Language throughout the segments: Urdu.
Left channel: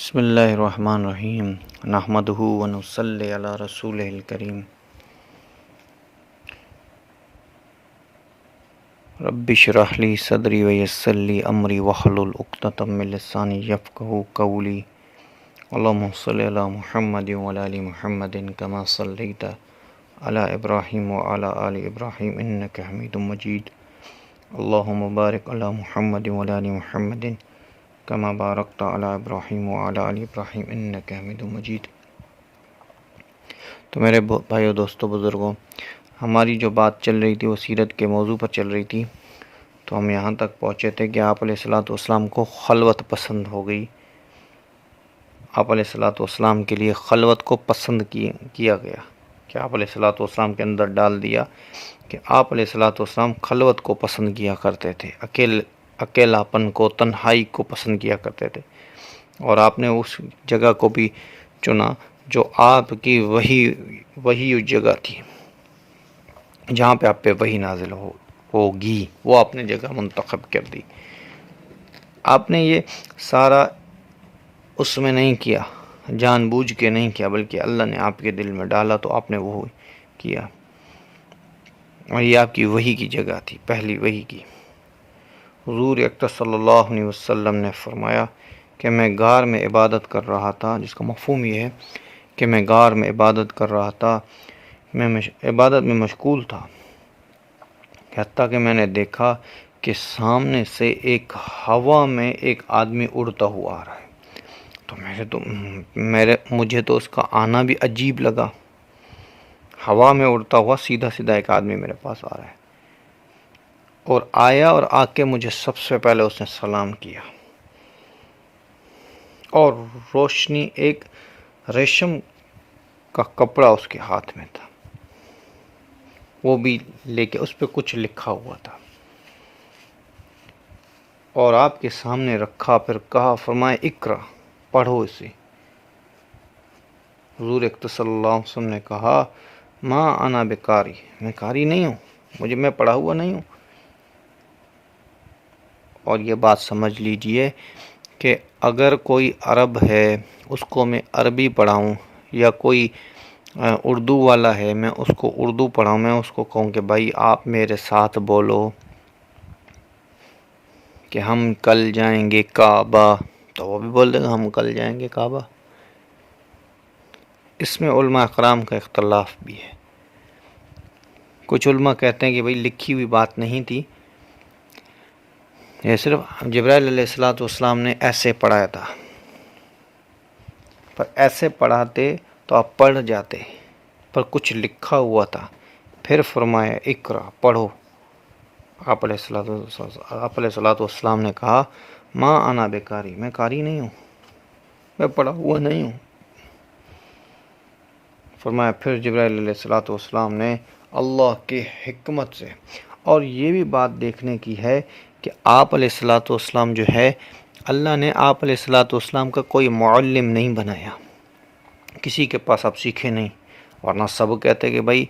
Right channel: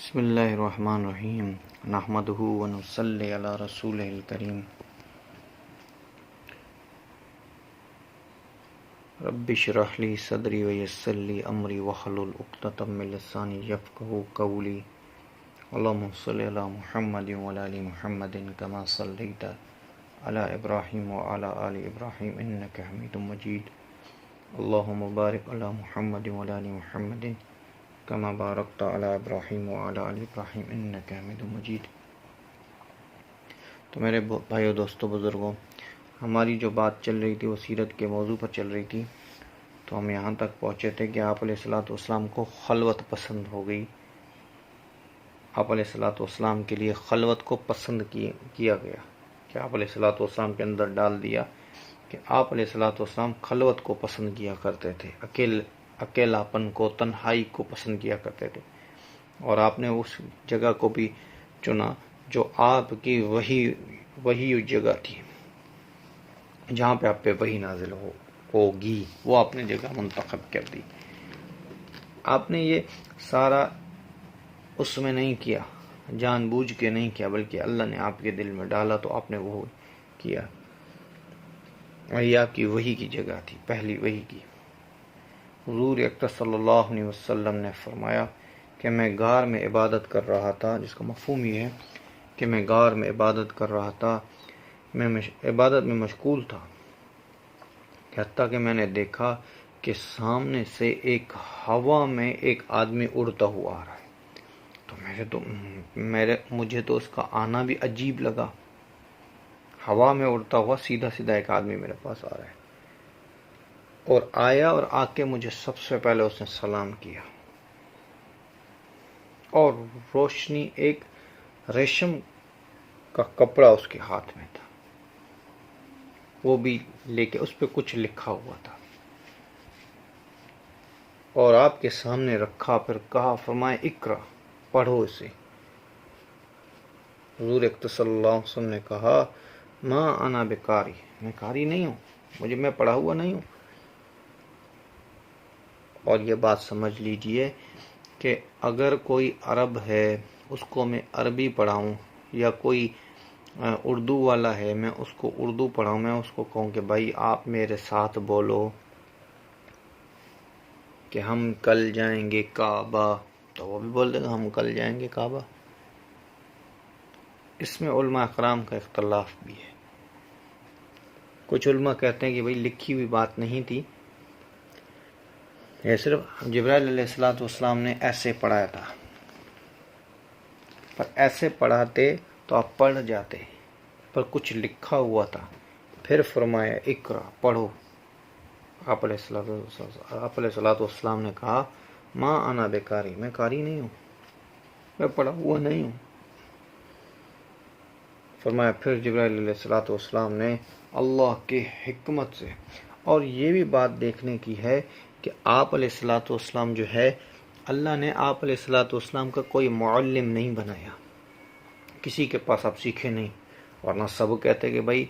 بسم اللہ الرحمن الرحیم نحمدہ ونصلی علی رسولہ الکریم رب اشرح لی صدری ویسر لی امری واحلل عقدۃ من لسانی یفقہوا قولی اللہم صلی علی محمد وعلی آل محمد کما صلیت علی ابراہیم وعلی آل ابراہیم انک حمید مجید اللہم بارک علی محمد وعلی آل محمد کما بارکت علی ابراہیم وعلی آل ابراہیم انک حمید مجید۔ تو میرے بھائیو دوستو بزرگوں، ہماری جو بات چل رہی تھی وہ سیرت کے موضوع پر چل رہی تھی، تو ہم یہاں تک پہنچے تھے کہ آپ علیہ الصلوۃ والسلام کو خلوت پسند ہو گئی۔ آپ علیہ الصلوۃ والسلام کے لیے خلوت کو پسند کیا گیا کہ آپ علیہ الصلوۃ والسلام کے اندر ڈال دیا کہ آپ علیہ الصلوۃ والسلام خلوت کو پسند کیا کرتے تھے، اکیلاپن کو، تنہائی کو پسند کیا کرتے تھے، اور آپ نے اس جگہ کو بھی چنا جو آپ کی وہی جگہ تھی جہاں پہ آپ پہ وحی نازل ہوگی، وہ آپ نے جگہ منتخب کر دی۔ آپ نے یہ سارا اس میں نہیں کیا، جان بوجھ کے نہیں کیا، بلکہ اللہ نے آپ کے دل میں ڈالا تو آپ نے وہ کیا، اور یہ آپ کی وحی کی جگہ تھی، پہلی وحی کی۔ حضور اکرم صلی اللہ علیہ وسلم نے فرمایا کہ میں غار میں عبادت کر رہا تھا، جس کا مفہوم یہ ہے کہ میں غار میں عبادت کر رہا تھا، میں عبادت میں مشغول تھا، حتیٰ کہ میں نے دیکھا کہ سامنے سے ایک ہوا میں ایک آدمی اڑتا ہوا آ رہا ہے، تو مجھے تو اس کا آنا بھی عجیب لگا۔ ہوا میں اڑتا ہوا سیدھا ایک آدمی میرے پاس آ رہا ہے، اور آیا اور آ کے مجھے سب سے پہلے اس نے سلام کیا، اور روشنی ایک ریشم کا کپڑا اس کے ہاتھ میں تھا، وہ بھی لے کے اس پہ کچھ لکھا ہوا تھا، اور آپ کے سامنے رکھا، پھر کہا، فرمایا اقرا، پڑھو اسے۔ حضور اکرم صلی اللہ علیہ وسلم نے کہا ما انا بقاری، میں قاری نہیں ہوں، میں پڑھا ہوا نہیں ہوں۔ اور یہ بات سمجھ لیجئے کہ اگر کوئی عرب ہے، اس کو میں عربی پڑھاؤں، یا کوئی اردو والا ہے، میں اس کو اردو پڑھاؤں، میں اس کو کہوں کہ بھائی آپ میرے ساتھ بولو کہ ہم کل جائیں گے کعبہ، تو وہ بھی بول دے گا ہم کل جائیں گے کعبہ۔ اس میں علماء اکرام کا اختلاف بھی ہے۔ کچھ علماء کہتے ہیں کہ بھائی لکھی ہوئی بات نہیں تھی، یہ صرف جبرائیل علیہ السلام نے ایسے پڑھایا تھا، پر ایسے پڑھاتے تو آپ پڑھ جاتے، پر کچھ لکھا ہوا تھا۔ پھر فرمایا اقرا، پڑھو۔ آپ علیہ الصلوۃ والسلام نے کہا ما انا بقاری، میں قاری نہیں ہوں، میں پڑھا ہوا نہیں ہوں۔ فرمایا پھر جبرائیل علیہ السلام نے اللہ کی حکمت سے، اور یہ بھی بات دیکھنے کی ہے کہ آپ علیہ السلام جو ہے، اللہ نے آپ علیہ السلام کا کوئی معلم نہیں بنایا، کسی کے پاس آپ سیکھے نہیں، ورنہ سب کہتے کہ بھائی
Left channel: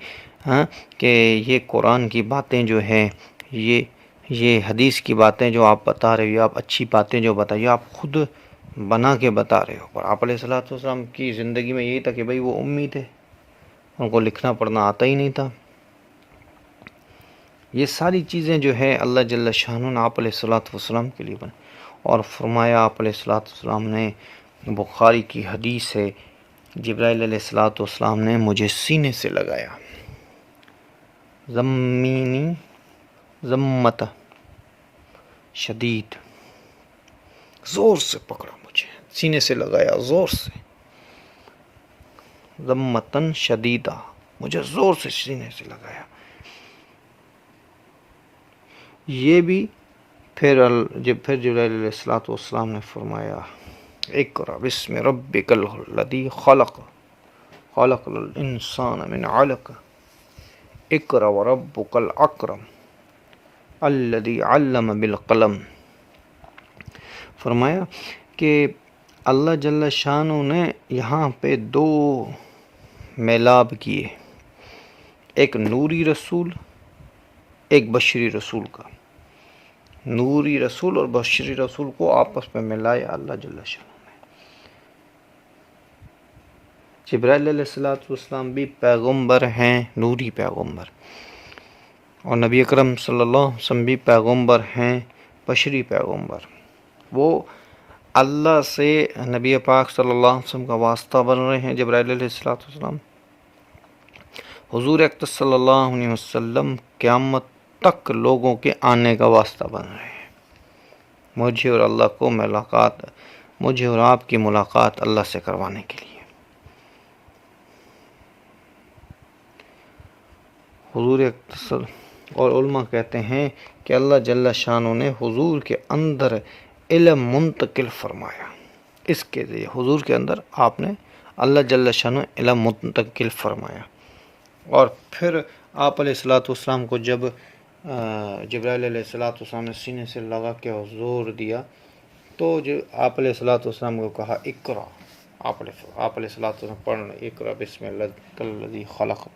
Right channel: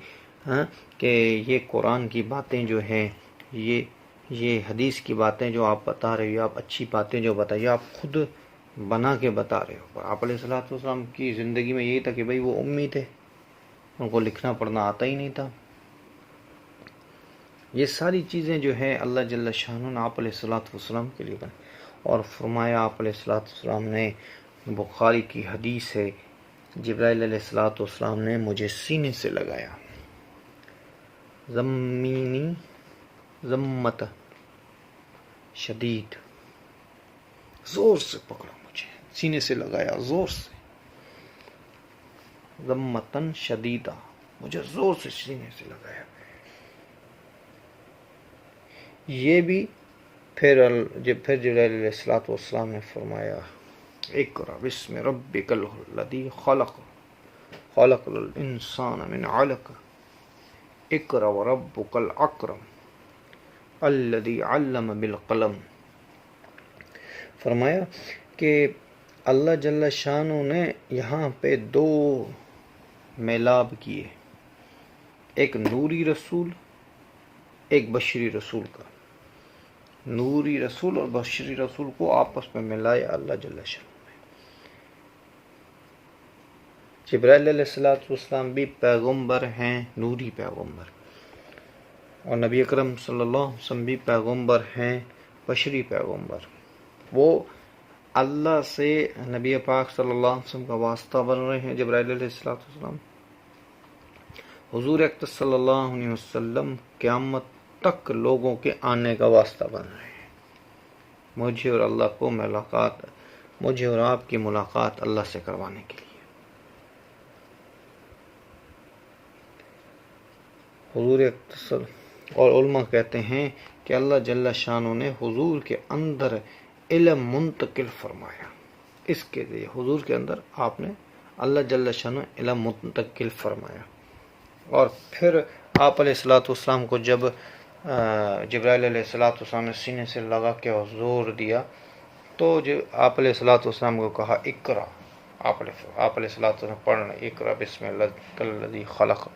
کہ یہ قرآن کی باتیں جو ہیں، یہ حدیث کی باتیں جو آپ بتا رہے ہو، آپ اچھی باتیں جو بتائیے، آپ خود بنا کے بتا رہے ہو۔ اور آپ علیہ السلام کی زندگی میں یہی تھا کہ بھائی وہ امی تھے، ان کو لکھنا پڑھنا آتا ہی نہیں تھا۔ یہ ساری چیزیں جو ہے اللہ جل شانہ نے آپ علیہ السلام کے لیے بنی، اور فرمایا آپ علیہ السلام نے، بخاری کی حدیث ہے، جبرائیل علیہ السلام نے مجھے سینے سے لگایا، زمینی ضمت شدید، زور سے پکڑا، مجھے سینے سے لگایا زور سے، ضمتن شدیدہ، مجھے زور سے سینے سے لگایا۔ یہ بھی پھر جبرائیل علیہ السلام نے فرمایا اقرأ بسم ربک الذی خلق الانسان من علق اقرأ وربک الاکرم الذی علم بالقلم۔ فرمایا کہ اللہ جل شانہ نے یہاں پہ دو میلاب کیے، ایک نوری رسول، ایک بشری رسول کا، نوری رسول اور بشری رسول کو آپس میں ملایا اللہ جل شانہ۔ جبرائیل علیہ السلام بھی پیغمبر ہیں، نوری پیغمبر، اور نبی اکرم صلی اللہ علیہ وسلم بھی پیغمبر ہیں، بشری پیغمبر۔ وہ اللہ سے نبی پاک صلی اللہ علیہ وسلم کا واسطہ بن رہے ہیں جبرائیل علیہ السلام۔ حضور اقدس صلی اللہ علیہ وسلم قیامت تک لوگوں کے آنے کا واسطہ بن رہے ہیں۔ مجھے اور اللہ کو مجھے اور آپ کی ملاقات اللہ سے کروانے کے لیے۔ حضور اقدس اور علماء کہتے ہیں کہ اللہ جل شانہ نے حضور کے اندر علم منتقل فرمایا۔ اس کے لیے حضور کے اندر آپ نے اللہ جل شانہ علم منتقل فرمایا، اور پھر آپ علیہ السلام کو جب جبرائیل علیہ السلام نے سینے سے لگا کے زور دیا تو آپ علیہ السلام کو کہا اقرا، آپ علیہ السلام پڑھنا، اقرا بسم اللہ الذی خلق۔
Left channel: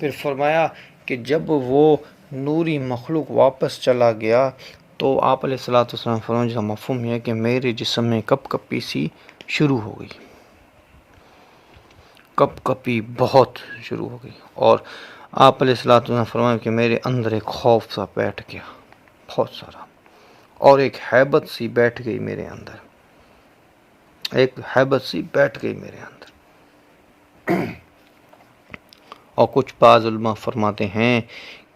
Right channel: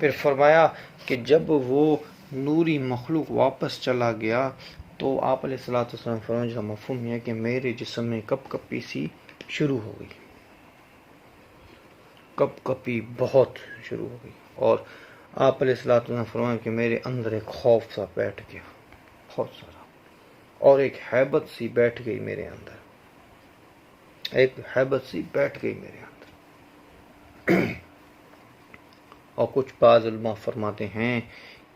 پھر فرمایا کہ جب وہ نوری مخلوق واپس چلا گیا تو آپ علیہ السلام فرمایا، جس کا مفہوم یہ ہے کہ میرے جسم میں کپ کپی سی شروع ہو گئی، کپ کپی بہت شروع ہو گئی، اور آپ علیہ السلام فرمایا کہ میرے اندر ایک خوف سا بیٹھ گیا بہت سارا، اور ایک ہیبت سی بیٹھ گئی میرے اندر، ایک ہیبت سی بیٹھ گئی میرے اندر۔ اور کچھ بعض علماء فرماتے ہیں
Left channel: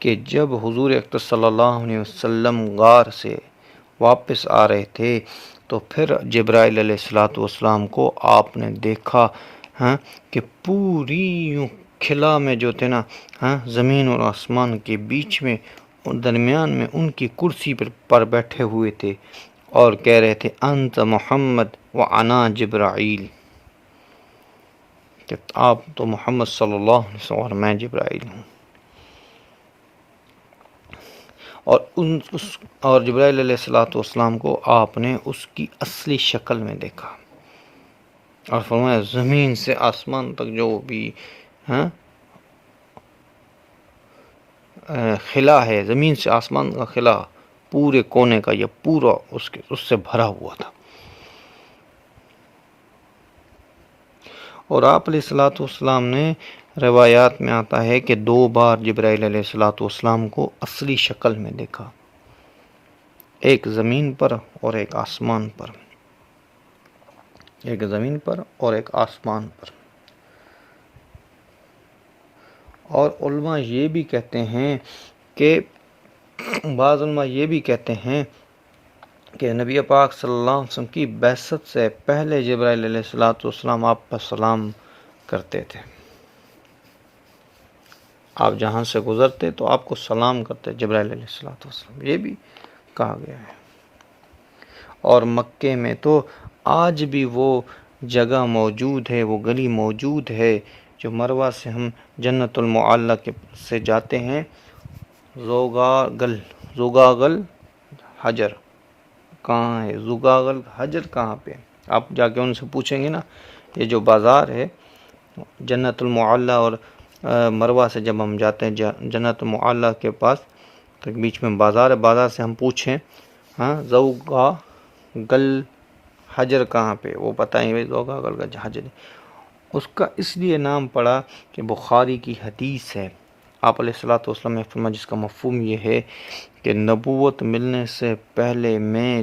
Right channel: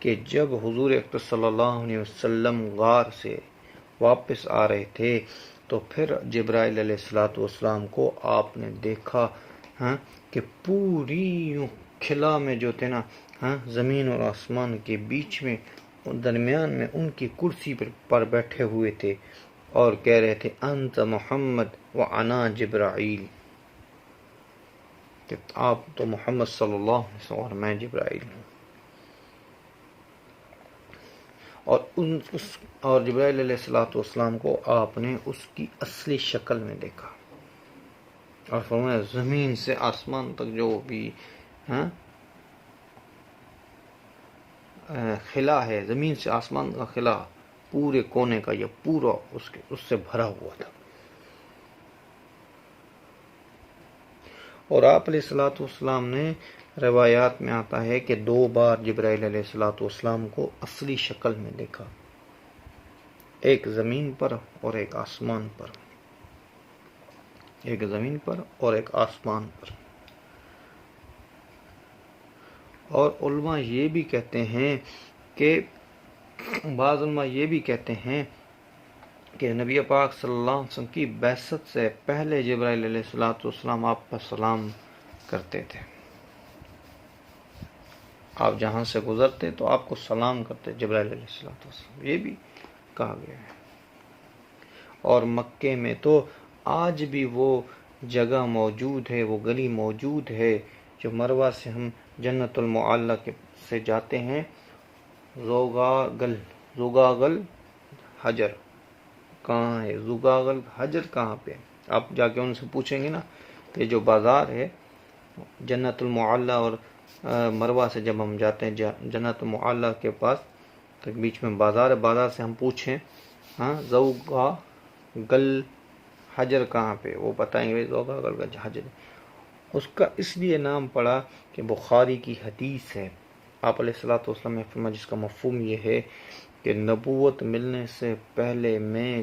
کہ جب حضور اقدس صلی اللہ علیہ وسلم غار سے واپس آ رہے تھے تو پھر جبرائیل علیہ السلام کو آپ نے دیکھا کہ پوری خلا میں جو تھے نا، زمین اور آسمان کے بیچ میں درمیان میں ان کی کرسی پر بیٹھے ہوئے تھے اور کہہ رہے تھے انت محمد وانا جبرائیل، کہ آپ تو محمد صلی اللہ علیہ وسلم اور میں جبرائیل ہوں۔ اور جبرائیل علیہ السلام کو آپ نے اس کی اصلی شکل میں دیکھا، اور فرمایا زمین سے آسمان تک جو بھی خلا ہے، زمین سے آسمان کا خلا پورے کونے کا یہ پورا اس سے بھرا ہوا تھا۔ اور آپ علیہ السلام نے روایات میں آتا ہے کہ 2 بار جبرائیل علیہ السلام کو اصلی شکل میں دیکھا، ایک زمین پر اور ایک آسمان پر، ایک زمین پر اور ایک آسمان پر۔ اور علماء یہ بھی کہتے ہیں کہ بعض علماء یہ بھی کہتے ہیں کہ نبی پاک صلی اللہ علیہ وسلم کی بعثت سے پہلے جبرائیل علیہ السلام آپ پر سلام کرتے تھے، آپ جہاں سے گزرتے تو آپ کو سلام کرتے جبرائیل علیہ السلام، یہ بھی کہا گیا ہے۔ اور مکے میں تو آج بھی وہ جگہ موجود ہے، وہ گلی موجود ہے جو مروہ سے ہم جنت المعلی سے جاتے ہیں، زوگاگل حجر کہاں ہے، زوگاگل حجر کہاں پہ، آپ جا کے ان سے پوچھیں گے نا، یہ جو بازار ہے جنت المعلی اور مروہ سے جب ہم جاتے ہیں جنت المعلی کے پاس تو بیچ میں بازار ہے، بازار سے ہم پوچھیں زوگاگل حجر کہاں پہ، وہ بتائیں گے زوگاگل کا حجر۔ اس کا اس لیے نام پڑا کہ بخاری کی حدیث ہے، آپ علیہ السلام نے فرمایا جس کا مفہوم یہ ہے کہ نبوت ملنے سے پہلے میں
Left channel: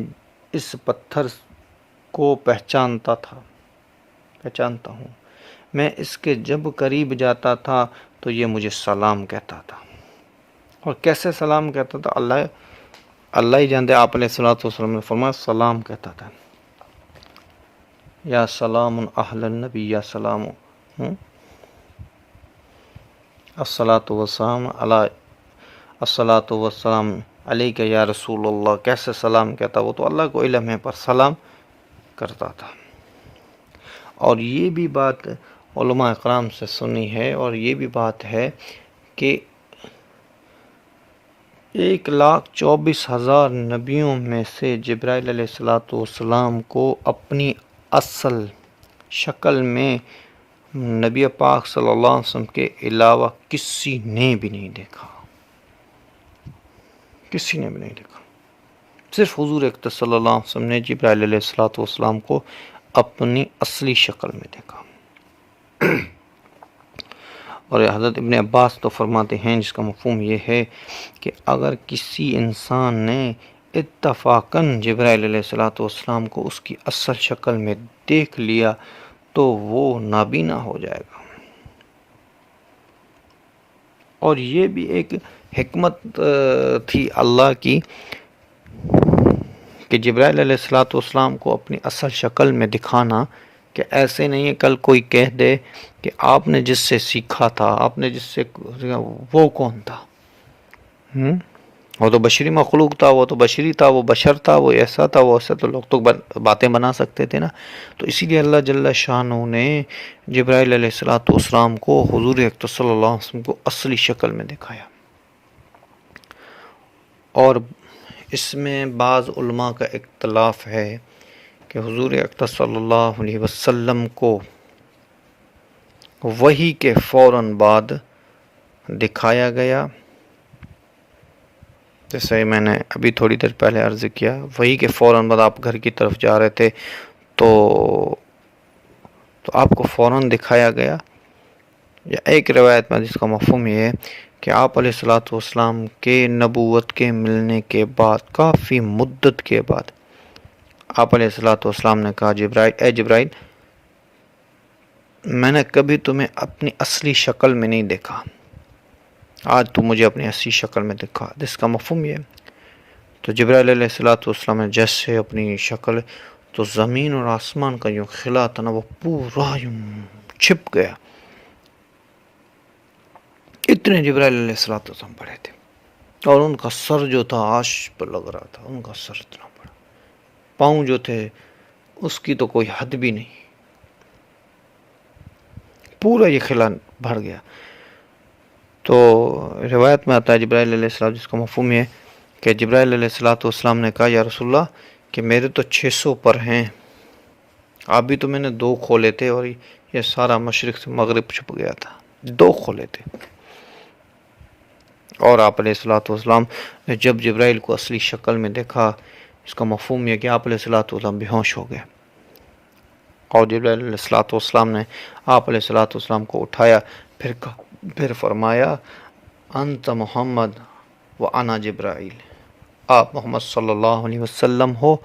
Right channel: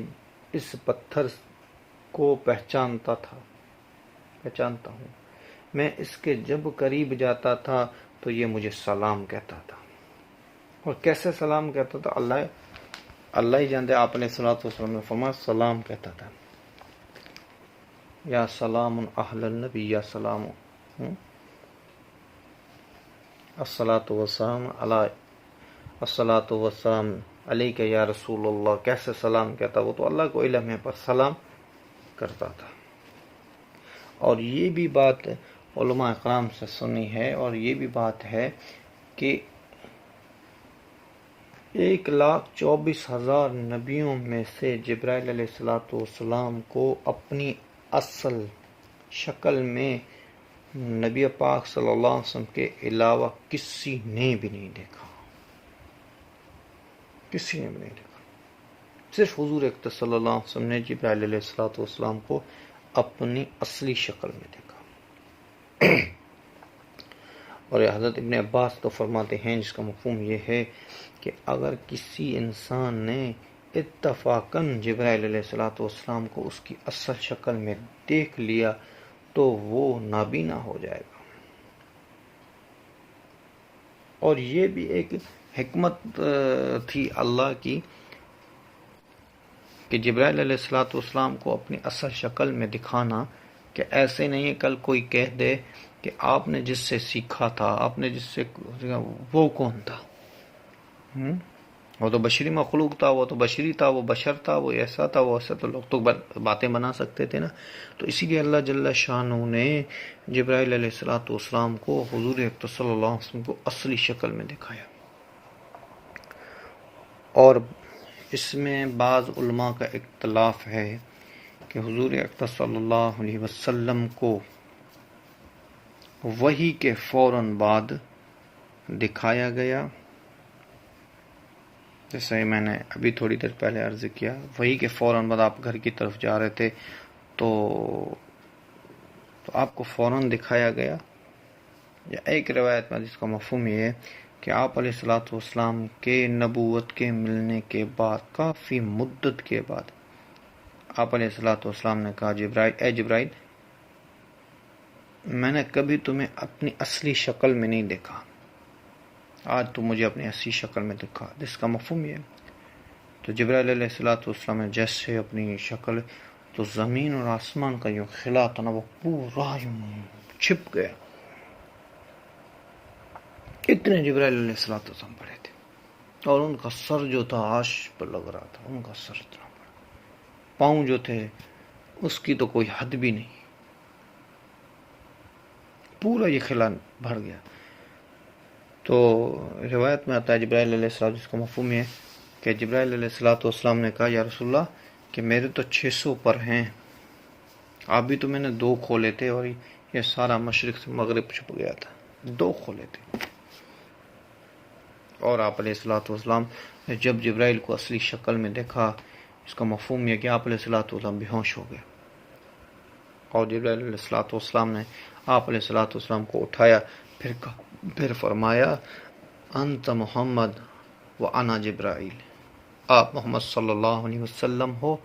اس پتھر کو پہچانتا ہوں، میں اس کے جب قریب جاتا تھا تو یہ مجھے سلام کہتا تھا، اور کیسے سلام کہتا تھا اللہ ہی جانتے۔ آپ علیہ السلام نے فرمایا سلام کہتا تھا، یا سلام اہل النبی، یا سلام الصلاۃ والسلام علیک یا رسول اللہ، کیسے سلام کہتا، وہ تو اللہ کو علم ہے، پر سلام کرتا تھا۔ اور یہ بھی بات علماء اکرام سے سنی ہے، اور یہ بھی بات ہے کہ 1,24,000 نبیوں میں سے جبرائیل علیہ السلام کو اپنی اصل شکل میں نبی پاک صلی اللہ علیہ وسلم کے علاوہ کسی نے بھی نہیں دیکھا، کسی نے بھی نہیں دیکھا، صرف حضور اقدس صلی اللہ علیہ وسلم نے جبرائیل علیہ السلام کو اپنی اصلی شکل میں دیکھا۔ اور حضرت ابن عباس تو فرماتے ہیں جس کا مفہوم یہ ہے کہ اگر کسی انسان نے اتفاقاً جبرائیل علیہ السلام کو اس کی اصل شکل میں دیکھ لیا تو وہ نابینا ہو جائے گا۔ اور یہ بھی ایک حکمت تھی اللہ کی کہ جبرائیل علیہ السلام کو اپنی اصل شکل میں دکھانا، کہ ایسے نہیں ہے کل کوئی کہہ دے کہ آپ نے جس سے سیکھا تھا، آپ نے جس سے وہ کون تھا؟ وہ تو بشری مخلوق تھا، وہ تو بشری تھا، وہ بشر تھا، وہ ایسا تھا، وہ ایسا، تو لوگ تو باتیں بنا سکتے تھے نا۔ تو اسی لیے اللہ جل شانہ نے جبرائیل علیہ السلام کو حضور اکرم صلی اللہ علیہ وسلم کو اصلی شکل میں دکھایا۔ اور اس میں بعض علماء کا اختلاف ہے کہ حضور اکرم صلی اللہ علیہ وسلم کو وحی کے فوراً بعد دکھایا گیا، جیسے میں نے ابھی تھوڑی دیر پہلے عرض کیا، وحی کے فوراً بعد آپ گھر کی طرف جا رہے تھے تو آپ کو فوراً دکھایا گیا۔ یا ایک روایت میں جس کا مفہوم یہ ہے کہ آپ علیہ السلام کے نبوت کے ملنے کے بعد کافی مدت کے بعد آپ علیہ السلام نے کہا اے جبرائیل، میں نے کبھی تمہیں اپنی اصلی شکل میں نہیں دیکھا، آج تو مجھے اپنی اصلی شکل میں دیکھا۔ جس کا مفہوم یہ ہے تو جبرائیل علیہ السلام نے جیسے اپنی شکل، تو زمین اور آسمان کا یوں خلا تھا نا، وہ پورا یوں چھپ گیا، اتنے جبرائیل علیہ السلام بڑے تھے، اور ان کا سر جو تھا عرش پر لگ رہا تھا، ان کا سر اتنا بڑا، پاؤں جو تھے اس کی تو کوئی حد بھی نہیں، پورا یہ خلا بھر گیا۔ تو روایت میں آتا ہے جبرائیل علیہ السلام، جس کا مفہوم ہے کہ جبرائیل علیہ السلام نے کہا یا رسول اللہ کہ میرے تو 600 پر ہیں، آپ بھی تو میں نے 2 کھولے تھے، اور یہ سارا مشرق سے مغرب چھپ گیا تھا، 2 کھولے تھے۔ اور آپ علیہ السلام نے جب جبرائیل کو اصلی شکل میں دیکھا، اس کا مفہوم یہ کہ آپ علیہ السلام بے ہوش ہو گئے، اور جبرائیل علیہ السلام نے آپ علیہ السلام کو اٹھایا، پھر فرمایا انت محمد و انا جبرائیل، آپ محمد صلی اللہ علیہ وسلم ہو،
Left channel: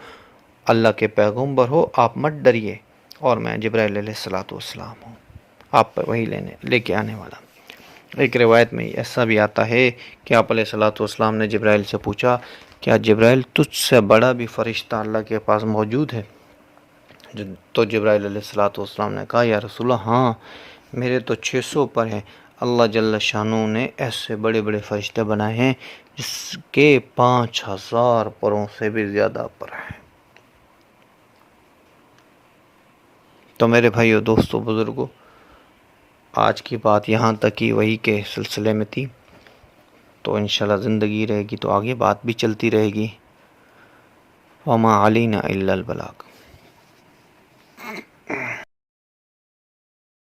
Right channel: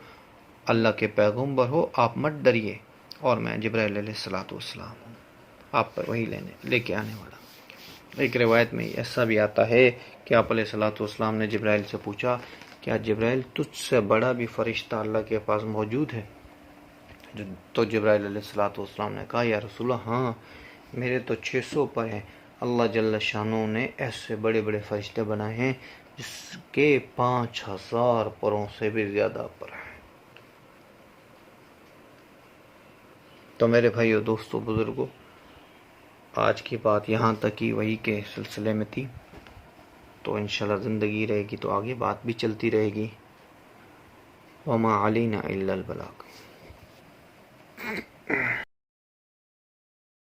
اللہ کے پیغمبر ہو، آپ مت ڈریے، اور میں جبرائیل علیہ السلام ہوں، آپ پر وہی لے کے آنے والا۔ ایک روایت میں ایسا بھی آتا ہے کہ آپ علیہ السلام نے جبرائیل سے پوچھا کیا جبرائیل تجھ سے بڑا بھی فرشتہ اللہ کے پاس موجود ہے؟ تو جبرائیل علیہ السلام نے کہا یا رسول اللہ ہاں، میرے تو 600 پر ہیں، اللہ جل شانہ نے ایسے بڑے بڑے فرشتے بنائے ہیں جس کے 5000 پروں سے بھی زیادہ پر ہیں۔ تو میرے بھائیو، دوستو، بزرگو، آج کی بات یہاں تک ہی وحی کے سلسلے میں تھی، تو انشاءاللہ زندگی رہے گی تو آگے بات بھی چلتی رہے گی۔ وما علینا الا البلاغ۔